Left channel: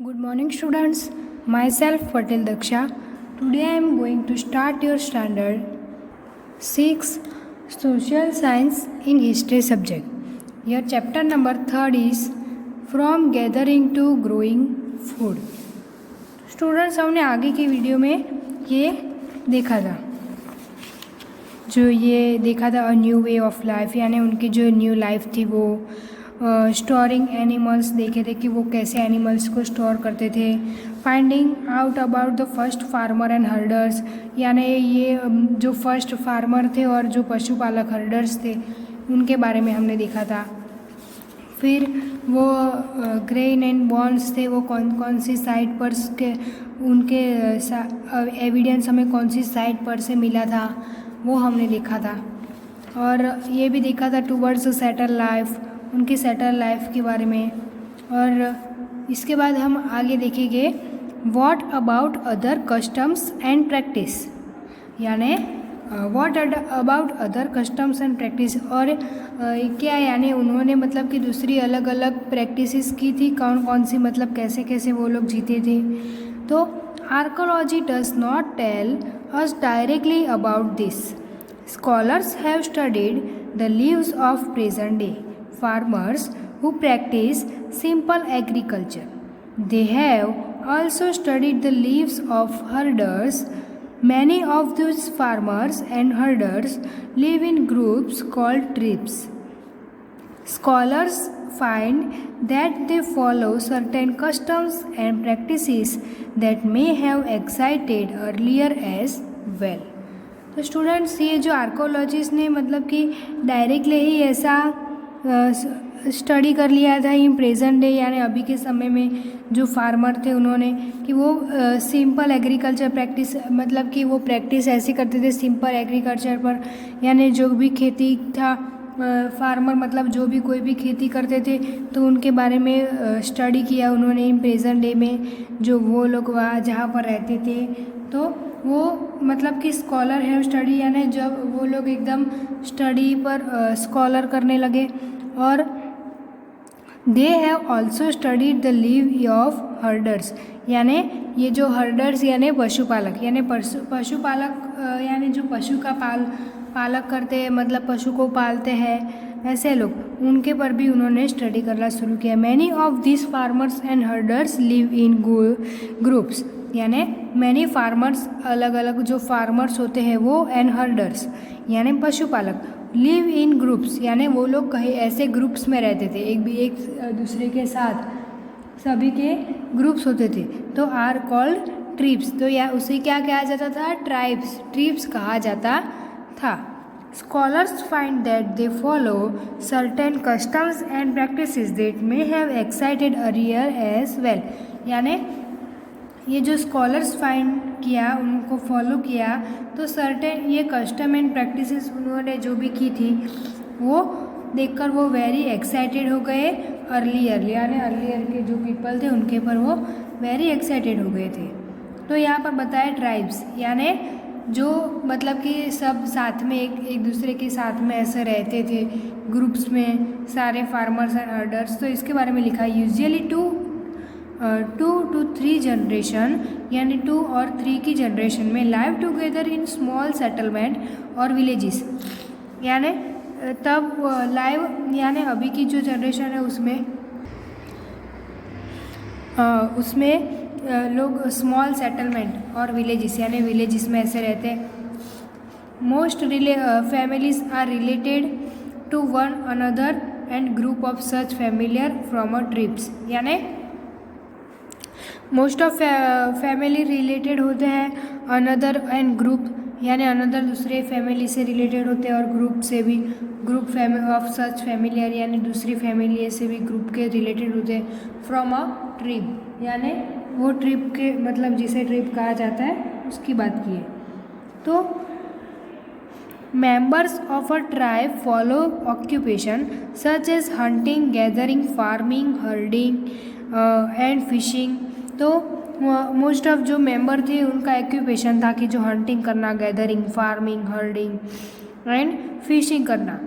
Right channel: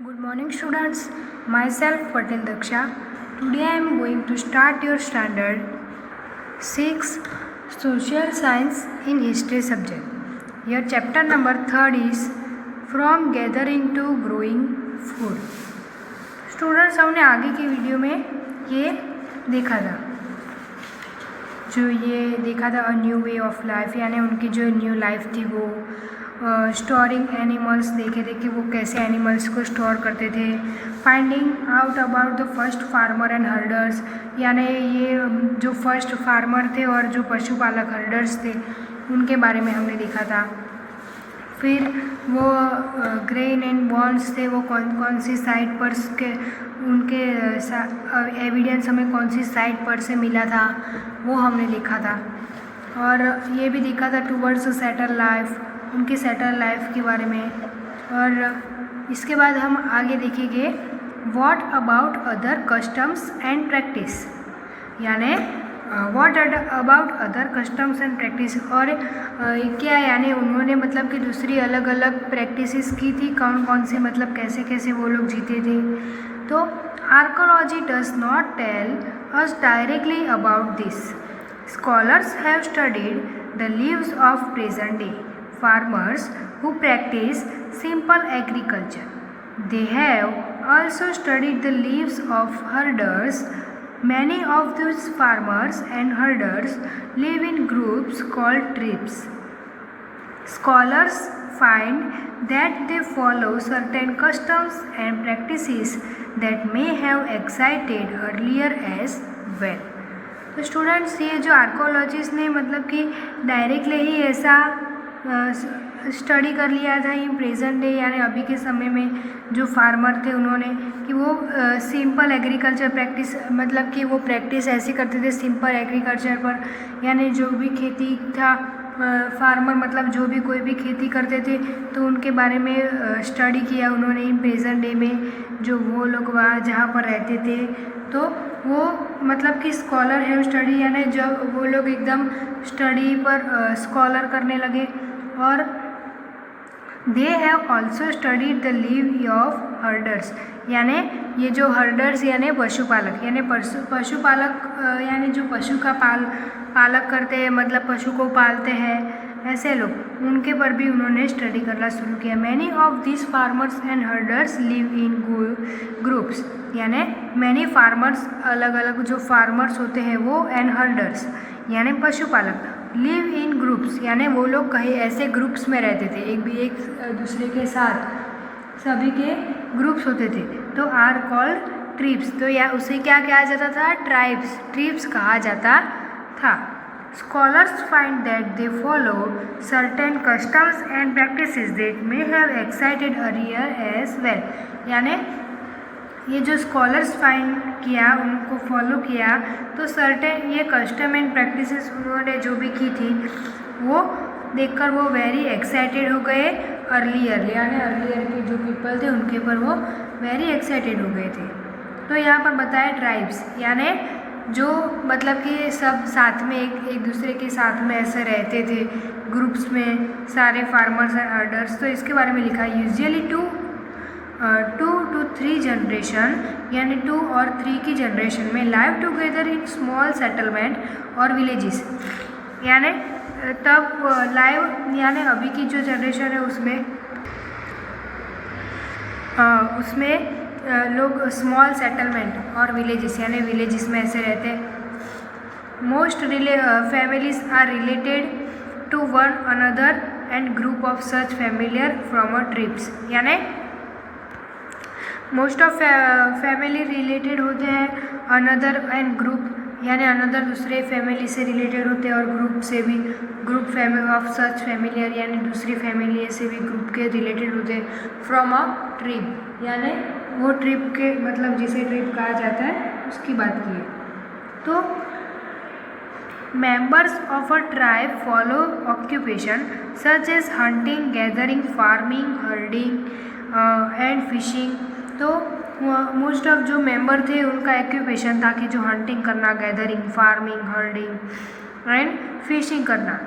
Good morning, students. Myself Patel Daksha. Today I am going to start your standard 6 Social Science in History subject. Your chapter number 3 is From Gathering to Growing Food. Students, हमने आगे की video में ये देखा था, a new way of life, यानी उनकी जो न्यू लाइफ थी वो स्टोरिंग एनिमल्स देखे थे कि वो कैसे एनिमल्स को स्टोर करते थे। Finding out about the first farmer and herders, यानी ये जो फर्स्ट फार्मर थे और जो पशुपालक हर्डर्स थे उनके बारे में हमने देखा था। फिर वो ग्रेन एंड बॉन्ड्स थे, वो कौन कौन सी साइट पर के उनके एविडेंस हमें कौन सी साइट पर से मिला था वो हमने देखा था। और ये भी देखा था टूवर्ड्स सेटल लाइफ, उनकी सेटल लाइफ के बारे में। और इसके बाद हम आगे देखेंगे what about other customs and practice, यानी what about other customs and practice, और क्या यानी उन्होंने मतलब कि दूसरी अलग अलग प्रैक्टिसेस की थी, कौन कौन सी, मतलब कैसे कैसे वो लोग जीते थे। तो archaeology does not tell us directly about this. Scholars have studied the lives of present day farmers who practice simple agriculture. They have also studied the lives of herders. Many of those farmers and herders live in groups called tribes. Scholars find that they follow certain customs and practices that may have existed earlier as well. तो students, ये जो archaeologist ने मतलब कि directly ही ऐसा study कर लिया था इन प्रेजेंट डे, यानी अभी के समय में जो फार्मर थे उन्होंने कि वो सिंपल एग्रीकल्चर प्रैक्टिस, मतलब कि वो प्रैक्टिस ऐसी करते थे सिंपल एग्रीकल्चर पर, यानी जो भी खेती था फार्मर मतलब जो भी कोई भी खेती करते थे तो उनके बारे में स्टडी किया उन्होंने इन प्रेजेंट डे में, जो वो लोग वहाँ जहाँ पर रहते थे। तो वो मतलब कि स्कॉलर हैव स्टडी, यानी जब वो लोग एकदम स्टडी पर स्कॉलर करने लगे। और they have also studied the live of herders, यानी ये जो हर्डर्स यानी पशुपालक, यानी पशुपालक यानी जो पशु का पालक करते हैं, मतलब पशु को पालते हैं ऐसे लोग, उनके पर भी उन्होंने स्टडी करना शुरू किया। Many of this farmers and herders live in groups, यानी मैनी फार्मर्स, अलग अलग जो फार्मर्स होते हैं वो, एंड हर्डर्स यानी पशुपालक, लिव इन ग्रुप्स, यानी वो लोग कहीं ऐसे ग्रुप्स में रहते थे, एक दूसरे के साथ सभी के ग्रुप्स होते थे, तो आर कॉल्ड ट्रिब्स। तो या उसे क्या कहा जाता था? ट्रिब्स कहा जाता था। Scholars find that they follow certain customs and practices that may have excited earlier as well, यानी ये जो स्कॉलर्स फाइंड किया, उनको फॉलो किया, तो सर्टेन ये कस्टम एंड प्रैक्टिसेस उन्होंने जो भी की थी वो देखकर वो वेरी एक्साइटेड हो गए अर्लियर, यानी अर्लियर के जो पीपल थे उनके पर वो वेरी एक्साइटेड हो गए थे। तो यहाँ पर बताया ट्राइब्स, यानी जो मतलब कि सब साथ में एक दूसरे के साथ में ऐसे रहते थे ग्रुप्स में सारे फार्मर्स एंड हर्डर्स। तो इसके बारे में लिखा है यूजुअली 2 to 3 जनरेशन, यानी 2 और 3 की जनरेशन में live together in small settlement और विलेजेस, यानी तब लाइव, यानी अभी की जो जनरेशन है उसमें लोग स्मॉल सेटलमेंट और विलेजेस, यानी विलेजेस में ऐसे रहते हैं। Most families are related to one another and group of such familiar from a tribes, यानी मोस्ट ऑफ फैमिली रिलेटेड होते हैं, अनदर एंड ग्रुप, यानी अनदर दूसरे फैमिली से रिलेटेड होते हैं, और ग्रुप से भी, group family of such familiar, यानी दूसरी फैमिली से भी ग्रुप के रिलेटेड होते हैं। फ्रॉम अ ट्रिब, यानी वो ट्रिब के, मतलब जिसे ट्रिब कहा जाता है उसकी बात की है। तो members of a tribe follow occupation such as hunting, gathering, farming, herding and fishing। तो मोस्ट ऑफ जो मेंबर थे उनका ऑक्यूपेशन था कि जो हंटिंग करना, gathering, farming, herding and fishing करना।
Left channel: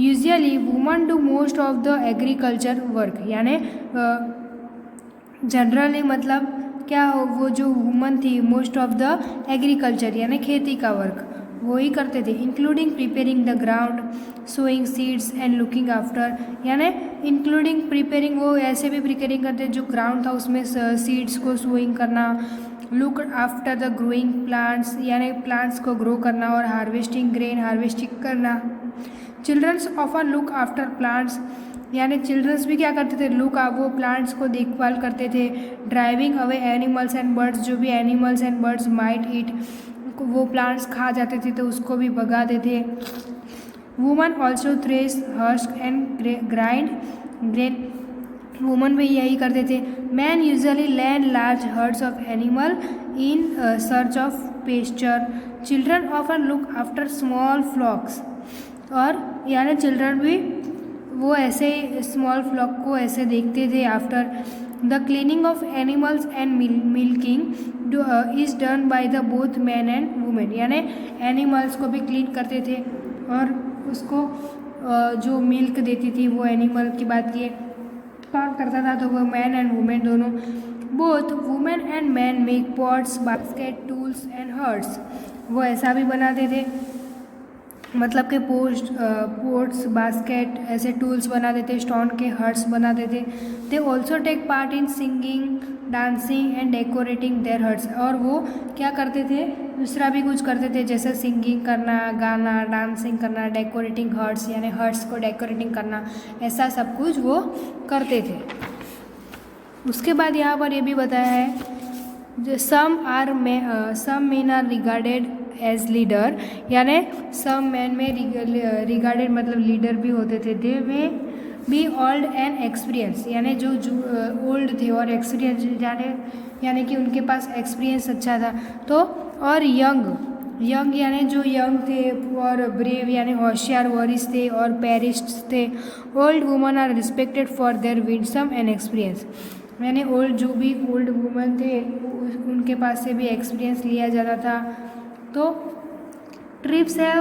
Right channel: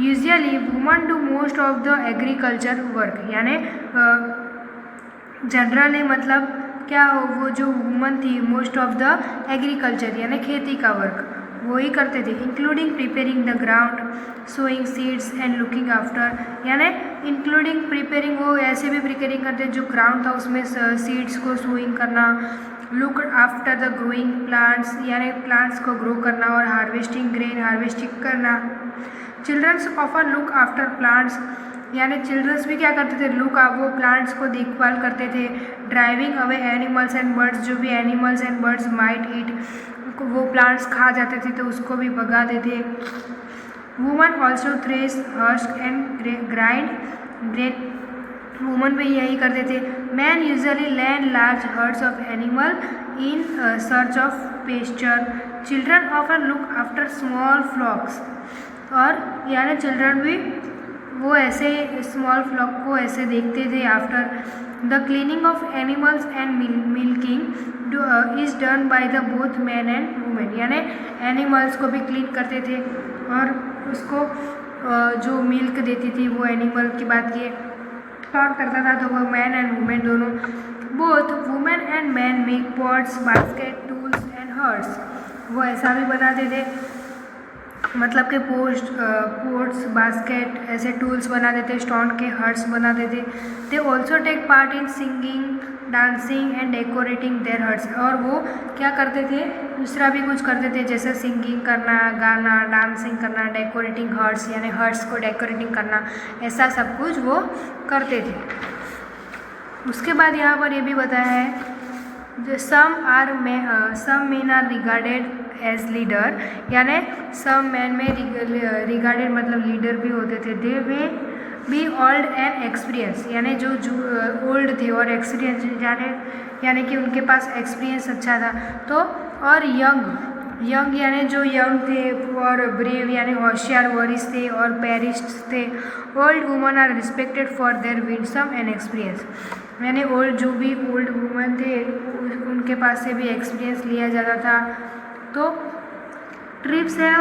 Usually woman do most of the agriculture work, यानी जनरली मतलब क्या हो, वो जो वुमन थी मोस्ट ऑफ द एग्रीकल्चर यानी खेती का वर्क वो ही करते थे, including preparing the ground, sowing seeds and looking after, यानी इंक्लूडिंग प्रिपेयरिंग वो ऐसे भी प्रिपेयरिंग करते जो ग्राउंड था उसमें सीड्स को सोइंग करना, look after the growing plants यानी प्लांट्स को ग्रो करना, और हार्वेस्टिंग ग्रेन हार्वेस्टिंग करना। Childrens often look after plants यानी चिल्ड्रंस भी क्या करते थे, लुक वो प्लांट्स को देखभाल करते थे। Driving away animals and birds, जो भी एनिमल्स एंड बर्ड्स माइट ईट, वो प्लांट्स खा जाते थे तो उसको भी भगा देते। Woman also thresh husk and grind grain, woman भी यही करते थे। Man usually land large herds of animal in search of pasture, children often look after small flocks, और यानी चिल्ड्रन भी वो ऐसे स्मॉल फ्लॉक को ऐसे देखते थे। After the cleaning of animals and milking is done by the both man and women, यानी एनिमल्स को भी क्लीन करते थे और उसको जो मिल्क देती थी वो एनिमल की बात की कौन करता था, तो वो मैन एंड वुमेन दोनों। Both women and man make pots, basket, tools and huts, वो ऐसा भी बनाते थे मतलब कि पोट्स बास्केट ऐसे टूल्स बना देते, स्टोन के हर्ट्स बना देते। They also take part in singing, dancing and decorating their huts, और वो क्या करते थे दूसरा भी कुछ करते थे जैसे सिंगिंग करना, गाना, डांसिंग करना, डेकोरेटिंग हर्ट्स यानी हर्ट्स को डेकोरेटिंग करना, ऐसा सब कुछ वो करते थे। उसके बाद यहाँ पर ये भी बताया है some men are regarded as leader, यानी some men में regarded मतलब लीडर भी होते थे। they may be old and experienced, यानी जो ओल्ड थे और एक्सपीरियंस यानी कि उनके पास एक्सपीरियंस अच्छा था। तो और यंग यानी जो यंग थे, और ब्रेव यानी होशियार वॉरिस थे, और पेरिस्ट थे। Old woman are respected for their wisdom and experience, यानी जो भी ओल्ड वुमन थे उनके पास से भी एक्सपीरियंस लिया जाता था। तो ट्रिप्स है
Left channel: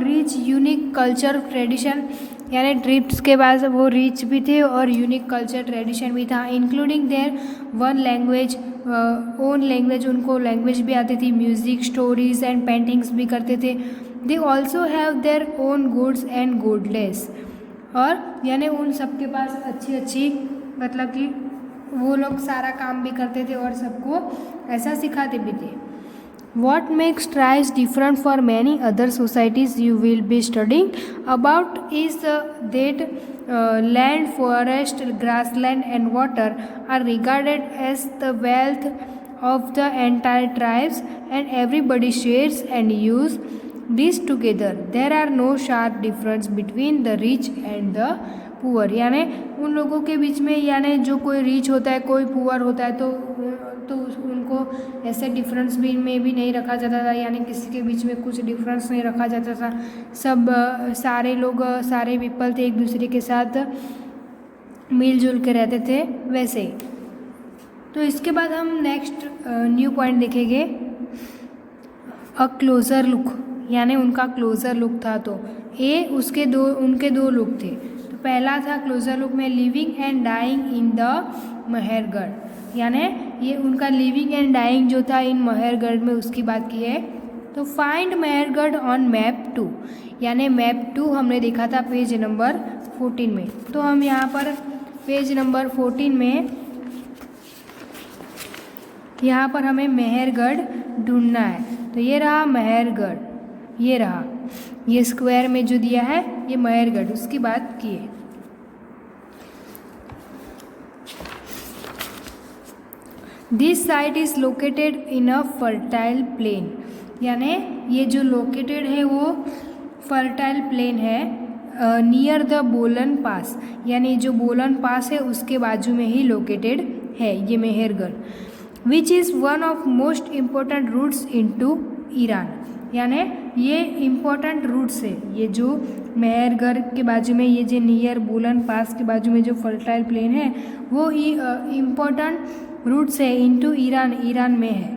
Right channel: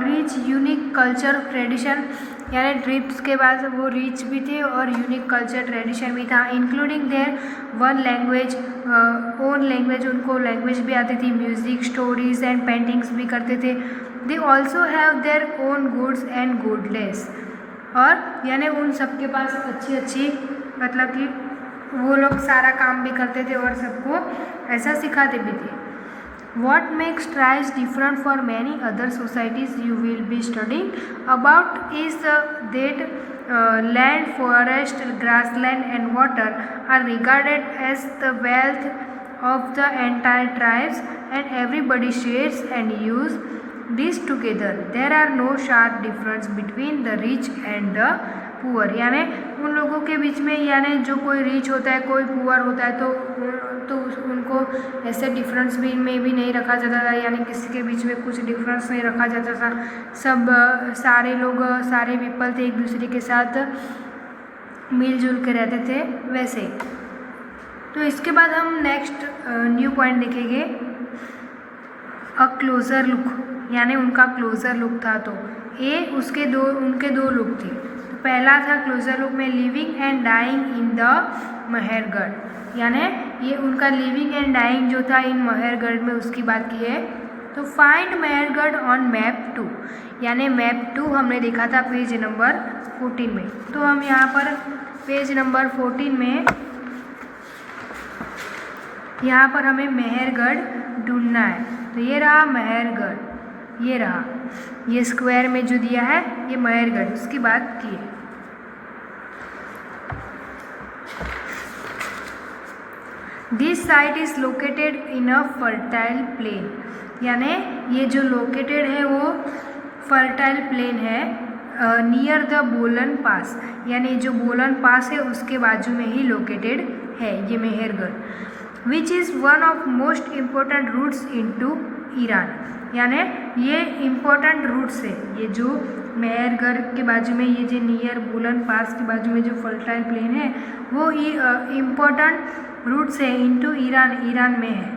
रिच यूनिक कल्चर ट्रेडिशन, यानी ट्रिप्स के पास वो रिच भी थे और यूनिक कल्चर ट्रेडिशन भी था। Including there one language, own language, उनको लैंग्वेज भी आती थी। म्यूज़िक, स्टोरीज एंड पेंटिंग्स भी करते थे। They also have their own goods and goodless, और यानी उन सबके पास अच्छी मतलब कि वो लोग सारा काम भी करते थे और सबको ऐसा सिखाते भी थे। What makes tribes different for many other societies you will be studying about is that land, forest, grassland and water are regarded as the wealth of the entire tribes and everybody shares and use this together. There are no sharp difference between the rich and the poor, यानी उन लोगों के बीच में यानी जो कोई rich होता है कोई पुअर होता है तो उनको ऐसे डिफरेंस भी नहीं रखा जाता था, यानी किसी के बीच में कुछ डिफरेंस नहीं रखा जाता था। सब सारे लोग सारे पीपल थे एक दूसरे के साथ मिलजुल के रहते थे वैसे। तो इसके बाद हम नेक्स्ट न्यू पॉइंट देखेंगे अ क्लोज़र लुक, यानी उनका क्लोज़र लुक था। तो उनके दो लुक थे। तो पहला था क्लोज़र लुक में living and dying in the Mehrgarh, यानी ये उनका लिविंग एंड डाइंग जो था इन मेहरगढ़ में उसकी बात की है। तो फाइंड मेहरगढ़ ऑन मैप 2, यानी मैप 2 हमने देखा था पेज नंबर 14 में। तो हम यहाँ पर पेज नंबर 14 में यहाँ पर हमें मेहरगढ़ ढूंढना है। तो ये रहा मेहरगढ़, ये रहा, ये स्क्वायर में जो दिया है ये मेहरगढ़, उसकी बात की है। This site is located in a fertile plain, यानी ये जो लोकेटेड है वो फर्टाइल प्लेन है नियर द बोलन पास, यानी जो बोलन पास है उसके बाजू में ही लोकेटेड है ये Mehrgarh. Which is one of most important routes into Iran, यानी ये इम्पोर्टेंट रूट्स है, ये जो मेहरगढ़ के बाजू में ये जो नियर बोलन पास के बाजू में जो फर्टाइल प्लेन है वो इम्पोर्टेंट रूट्स है इनटू ईरान, ईरान में है।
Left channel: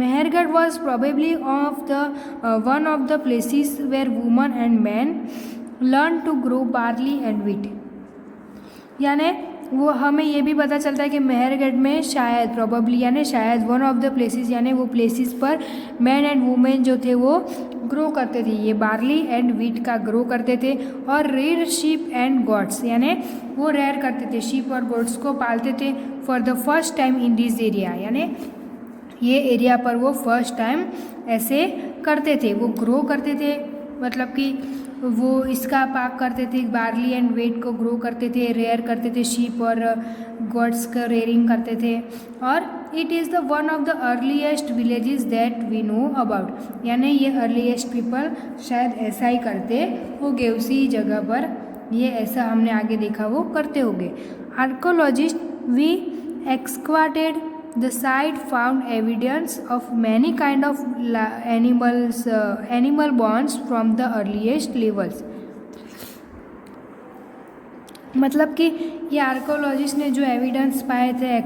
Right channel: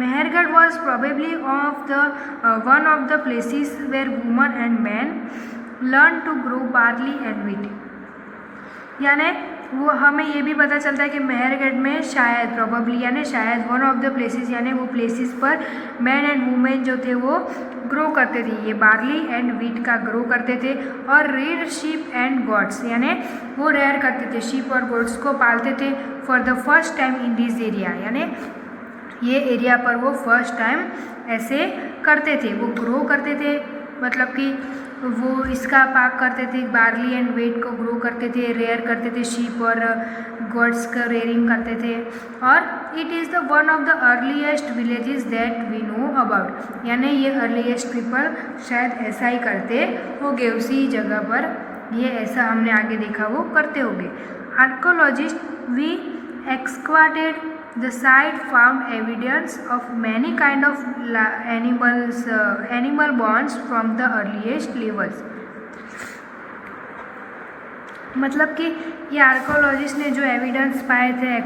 Mehrgarh was probably one of the places where woman and man learn to grow barley and wheat, यानी वो हमें ये भी पता चलता है कि मेहरगढ़ में शायद प्रोबेबली यानी शायद वन ऑफ द प्लेसेस यानी वो प्लेसेस पर मैन एंड वुमेन जो थे वो ग्रो करते थे, ये बार्ली एंड वीट का ग्रो करते थे। और रेयर शीप एंड गोट्स यानी वो रेयर करते थे, शीप और गोट्स को पालते थे for the first time in this area, यानी ये एरिया पर वो फर्स्ट टाइम ऐसे करते थे, वो ग्रो करते थे, मतलब कि वो इसका पाक करते थे, बार्ली एंड वेट को ग्रो करते थे, रेयर करते थे, शीप और गॉड्स का रेयरिंग करते थे। और it is the one of the earliest villages that we know about, यानी ये अर्लीस्ट पीपल शायद ऐसा ही करते होंगे, उसी जगह पर ये ऐसा हमने आगे देखा वो करते होंगे। Archaeologist we excavated the site found evidence of many kind of animal bones from the earliest levels, मतलब कि ये आर्कोलॉजिस्ट ने जो एविडेंस पाए थे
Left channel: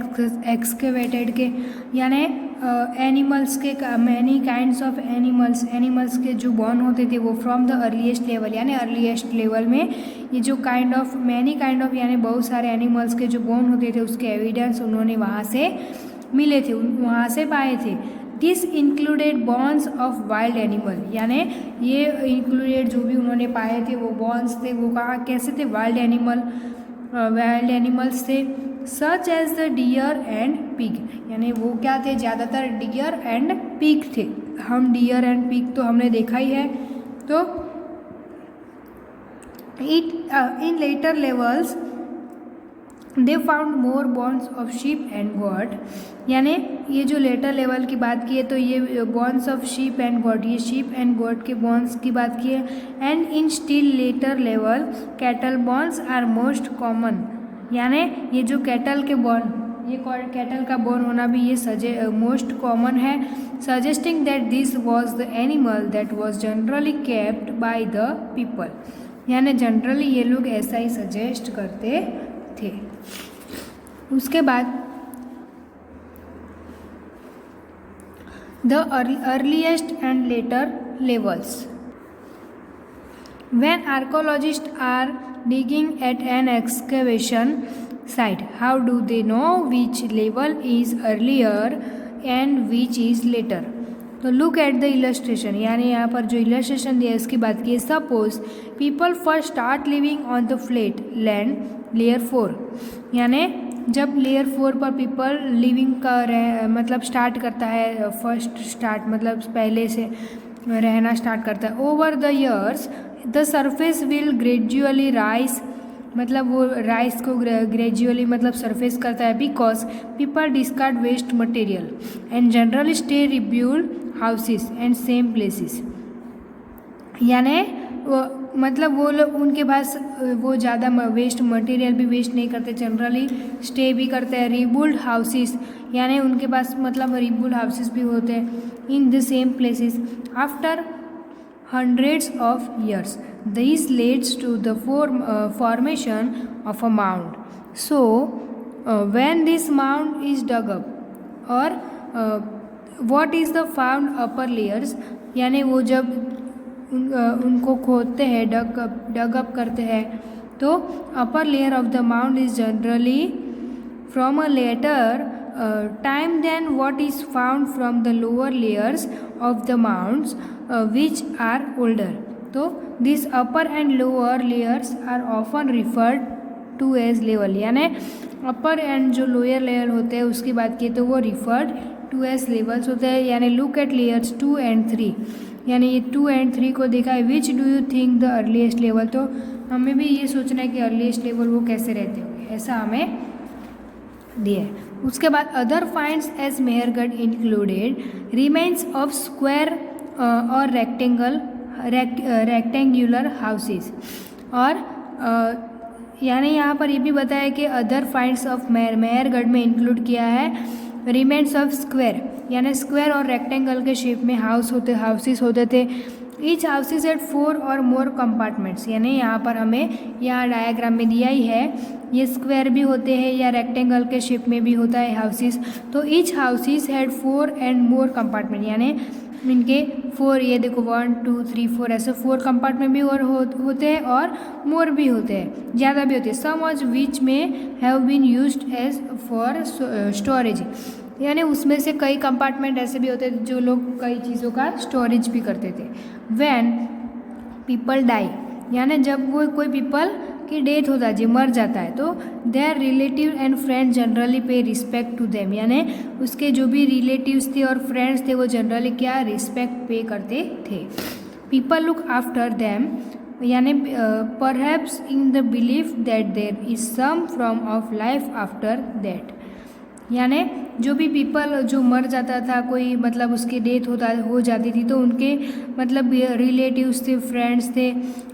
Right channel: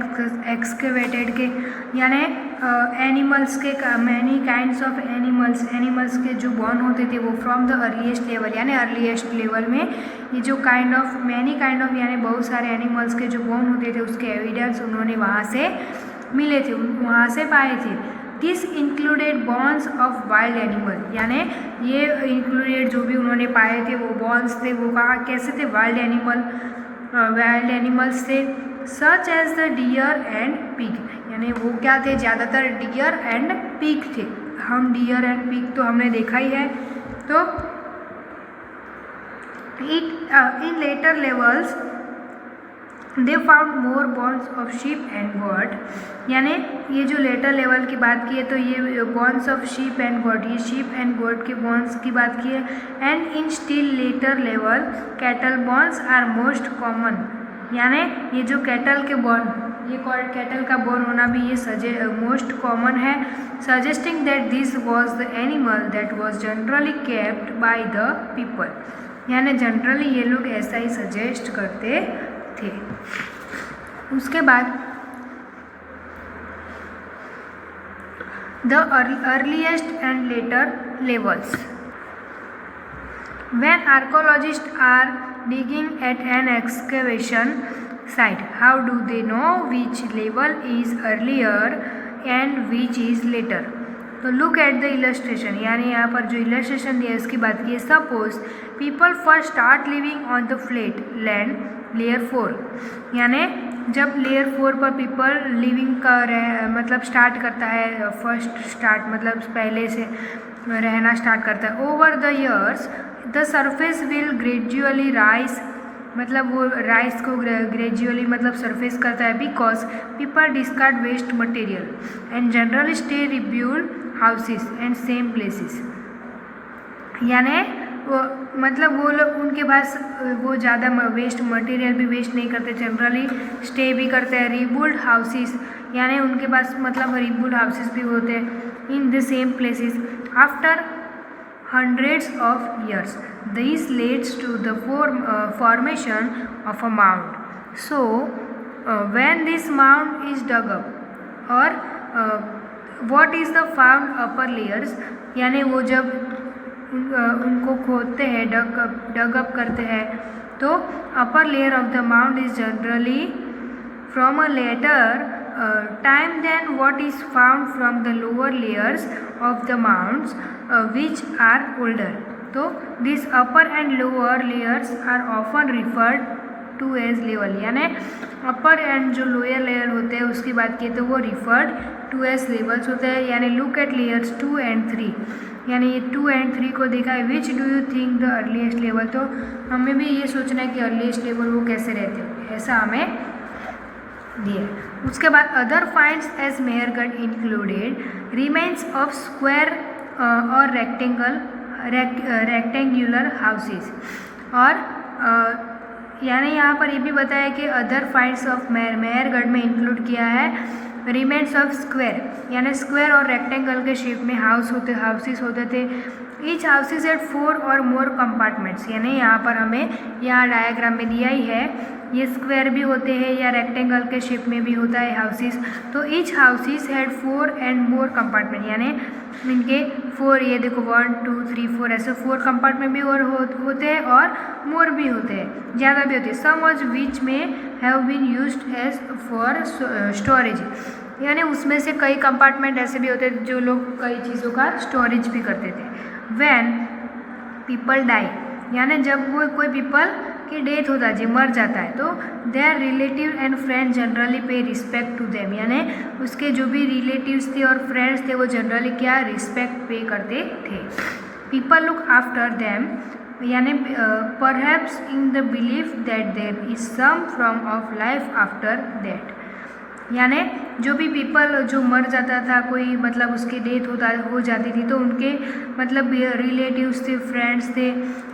एक्सकेवेटेड के, यानी एनिमल्स के मैनी काइंड्स ऑफ एनिमल्स के जो बोन होते थे वो फ्रॉम द अर्लीस्ट लेवल, यानी अर्लीस्ट लेवल में ये जो मैनी काइंड ऑफ यानी बहुत सारे एनिमल्स के जो बोन होते थे उसके एविडेंस उन्होंने वहाँ से मिले थे, वहाँ से पाए थे। This included bones of wild animal, यानी ये इंक्लूडेड जो भी उन्होंने पाए थे वो बॉन्स थे, वो कहाँ कैसे थे, वाइल्ड एनिमल्स थे, such as the deer and pig, यानी वो क्या थे, ज़्यादातर डियर एंड पिग थे। हम डियर एंड पिग तो हमने देखा ही है। तो in later levels they found more bones of sheep and goat, यानी ये जो लेटर लेवल की बात की है तो ये bones of sheep and goat, ये शीप एंड गॉड के बॉन्स की बात की है। And in still later level cattle bones are most common, यानी ये जो कैटल के बॉन, ये कैटल का बोन होना भी ये मोस्ट कॉमन है, suggesting that this was the animal that was generally kept by the people, यानी जनरली ये लोग ऐसा ही सजेस्ट करते थे। उसके बाद the earliest and later levels, when archaeologist are digging at an excavation site, how do they know which level is earlier and which is later? तो लुक एट द इलस्ट्रेशन, यानी यहाँ पर जो इलस्ट्रेशन दिया है उसकी बात की है। Suppose people first start living on the flat land layer 4, यानी जब लेयर 4 पर पीपल लिविंग का मतलब स्टार्ट करता है, फर्स्ट स्टार्ट मतलब पहले से रहना स्टार्ट करता है। Over the years the surface will gradually rise, मतलब वो राइस को ग्रेजुअली मतलब सरफेस करता है, because people discard waste material and generally stay rebuilt houses and same places, यानी वो मतलब वो लोग उनके पास वो ज़्यादा वेस्ट मटेरियल भी वेस्ट नहीं करते, जनरली स्टे भी करते हैं, रिबिल्ड हाउसेस, यानी उनके पास मतलब रिबिल्ड हाउसेस भी होते हैं in the same places after hundreds of years. This leads to the formation of a mound. So when this mound is dug up, or what is the found upper layers, यानी वो जब उनको खोदते हैं, डग up करते हैं, तो upper layer of the mound is generally from a later time than what is found from the lower layers of the mounds which are older. तो this upper and lower layers are often referred to as level, यानी upper and जो lower layer होते हैं उसकी बात की तो वो referred to as levels होते हैं। यानी look at layers 2 and 3, यानी ये 2 and 3 को देखा है। which do you think the earliest level, तो हमें भी ये सोचना है कि earliest level वो कैसे रहते होंगे, ऐसा हमें दिया। उसके बाद other finds as Mehrgarh included remains of square और रेक्टेंगुलर हाउसेस, और यानी यहाँ पर ये भी बताया कि अदर फाइंड्स ऑफ मेहरगढ़ में इंक्लूड किया है रिमेन्स ऑफ स्क्वायर, यानी स्क्वायर और रेक्टेंगल के शेप में हाउसेस होते थे। ईच हाउसेस एट 4 और मोर कंपार्टमेंट्स, यानी यहाँ पर हमें यहाँ डायग्राम में दिया ही है, ये स्क्वायर भी होते हैं या रेक्टेंगल के शेप में भी होता है हाउसेस। तो each houses had 4 and more compartment, यानी इनके 4, ये देखो 1 2 3 4 ऐसे 4 कंपार्टमेंट भी और होते हैं और मोर भी होते हैं, ज़्यादा भी होते हैं। सम of which may have been used as for storage, यानी उसमें से कई कंपार्टमेंट ऐसे भी होते हैं जो लोग कई चीज़ों का स्टोरेज भी करते थे। व्हेन पीपल डाई, यानी जब वो कोई पीपल की डेथ होता है, जो मर जाता है, तो there relative and friend generally पे रिस्पेक्ट टू देम, यानी उसके जो भी रिलेटिव्स थे और फ्रेंड्स थे वो जनरली क्या रिस्पेक्ट पे करते थे। पीपल लुक आफ्टर देम, यानी perhaps in the belief that there is some form of life after that, यानी जो भी पीपल जो मर जाता था कोई, मतलब उसकी डेथ हो जाती थी, तो उनके मतलब रिलेटिव्स थे, फ्रेंड्स थे,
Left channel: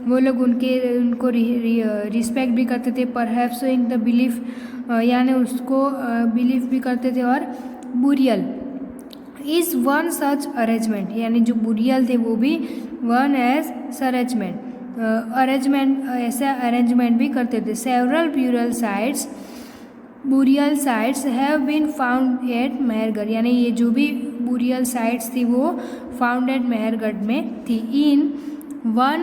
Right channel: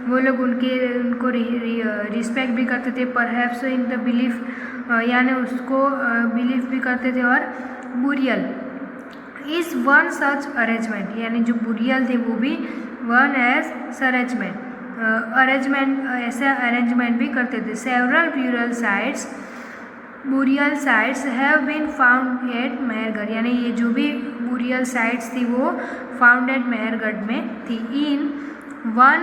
वो लोग उनको रिस्पेक्ट भी करते थे। परहैप्स इन द बिलीफ, यानी उसको बिलीव भी करते थे। और burial is one such arrangement, यानी जो बुरियल थे वो भी वन एज अरेंजमेंट ऐसा अरेंजमेंट भी करते थे। Several burial sites have been found at Mehrgarh, यानी ये जो भी बुरियल साइट्स थी वो फाउंड एट मेहरगढ़ में थी। In one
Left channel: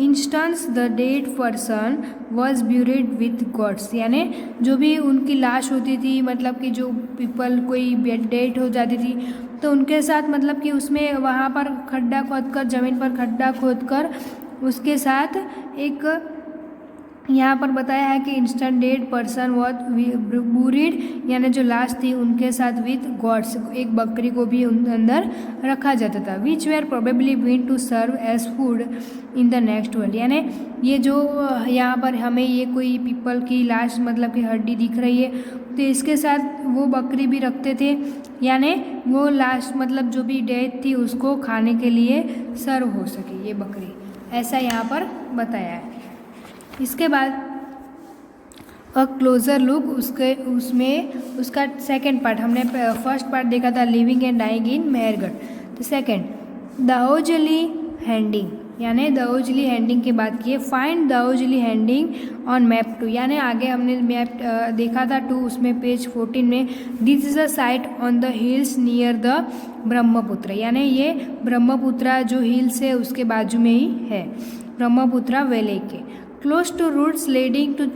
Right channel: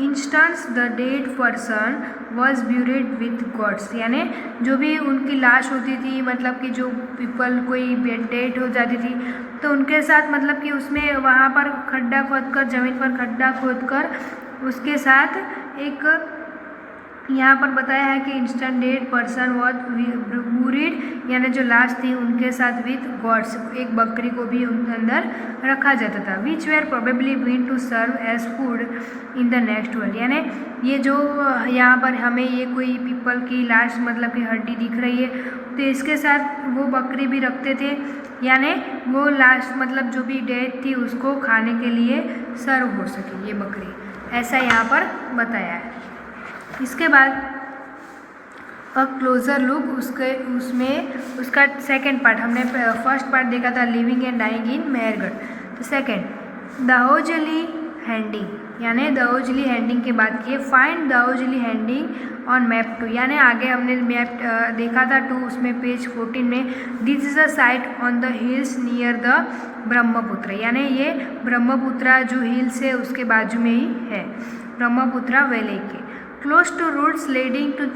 instance the dead person was buried with goats, यानी जो भी उनकी लाश होती थी, मतलब कि जो पीपल कोई डेड हो जाती थी तो उनके साथ मतलब कि उसमें वहाँ पर खड्डा खोदकर, ज़मीन पर खड्डा खोदकर उसके साथ एक यहाँ पर बताया है कि instant dead person was buried, यानी जो लाश थी उनके साथ विथ गॉड्स, एक बकरी को भी उनके अंदर रखा जाता था। Which were probably been to serve as food in the next world, यानी ये जो यहाँ पर हमें ये कोई पीपल की लाश मतलब कि हड्डी दिख रही है, तो इसके साथ वो बकरी भी रखते थे, यानी वो लाश मतलब जो भी डेड थी उसको खाने के लिए सर्व हो सके ये बकरी, ऐसा यहाँ पर बताया है। इसके बाद अ क्लोज़र लुक, उसका सेकंड पार्ट, हमने फर्स्ट पार्ट देखा था living and dying in Mehrgarh, तो सेकंड दाओजली हैंडिंग, यानी दाओजली हैंडिंग की बात की है। Find Daojali handing on map 2, यानी आगे हमने मैप देखा था 2, उसमें पेज 14 में this is a site on the hills near the Brahmaputra, यानी ये ब्रह्मपुत्रा जो हिल्स है उसके बाजू में ही है, ब्रह्मपुत्रा वैली के। Close to routes leading to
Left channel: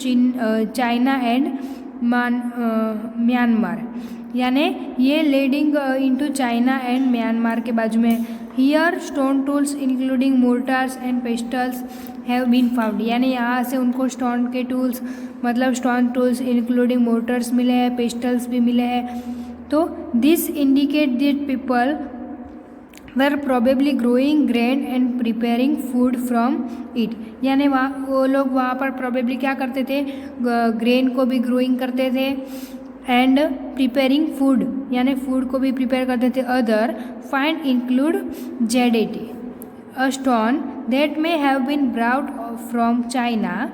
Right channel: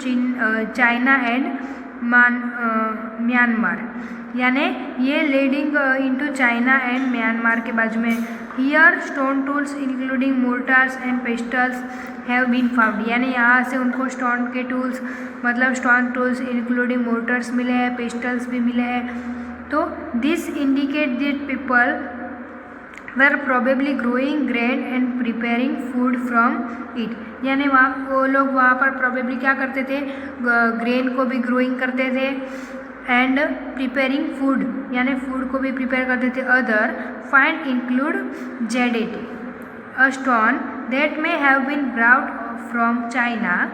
China and Myanmar, यानी ये leading into China and Myanmar के बाजू में। Here stone tools including mortars and pestles have been found, यानी यहाँ से उनको स्टोन के टूल्स मतलब स्टोन टूल्स इंक्लूडिंग मोर्टार्स मिले हैं, पेस्टल्स भी मिले हैं। तो this indicate that people were probably growing grain and preparing food from it, यानी वहाँ वो लोग वहाँ पर probably क्या करते थे, ग्रेन को भी ग्रोइंग करते थे एंड प्रिपेयरिंग फूड, यानी फूड को भी प्रिपेयर करते थे। Other find include jadeite, a stone that may have been brought from China.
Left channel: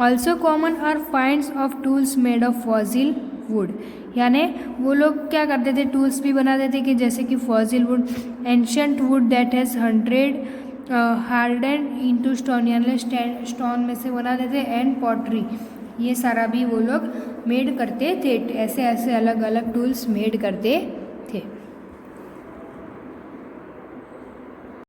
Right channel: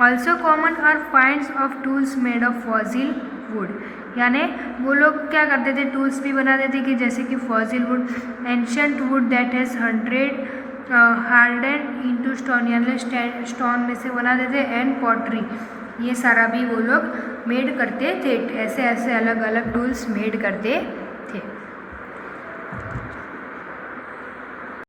Also common are finds of tools made of fossil wood, यानी वो लोग क्या करते थे, टूल्स भी बनाते थे कि जैसे कि fossil would, ancient would that has 100 hardened into stone, यानी स्टोन में से बनाते थे, एंड पॉटरी, ये सारा भी वो लोग मेड करते थे, ऐसे ऐसे अलग अलग टूल्स मेड करते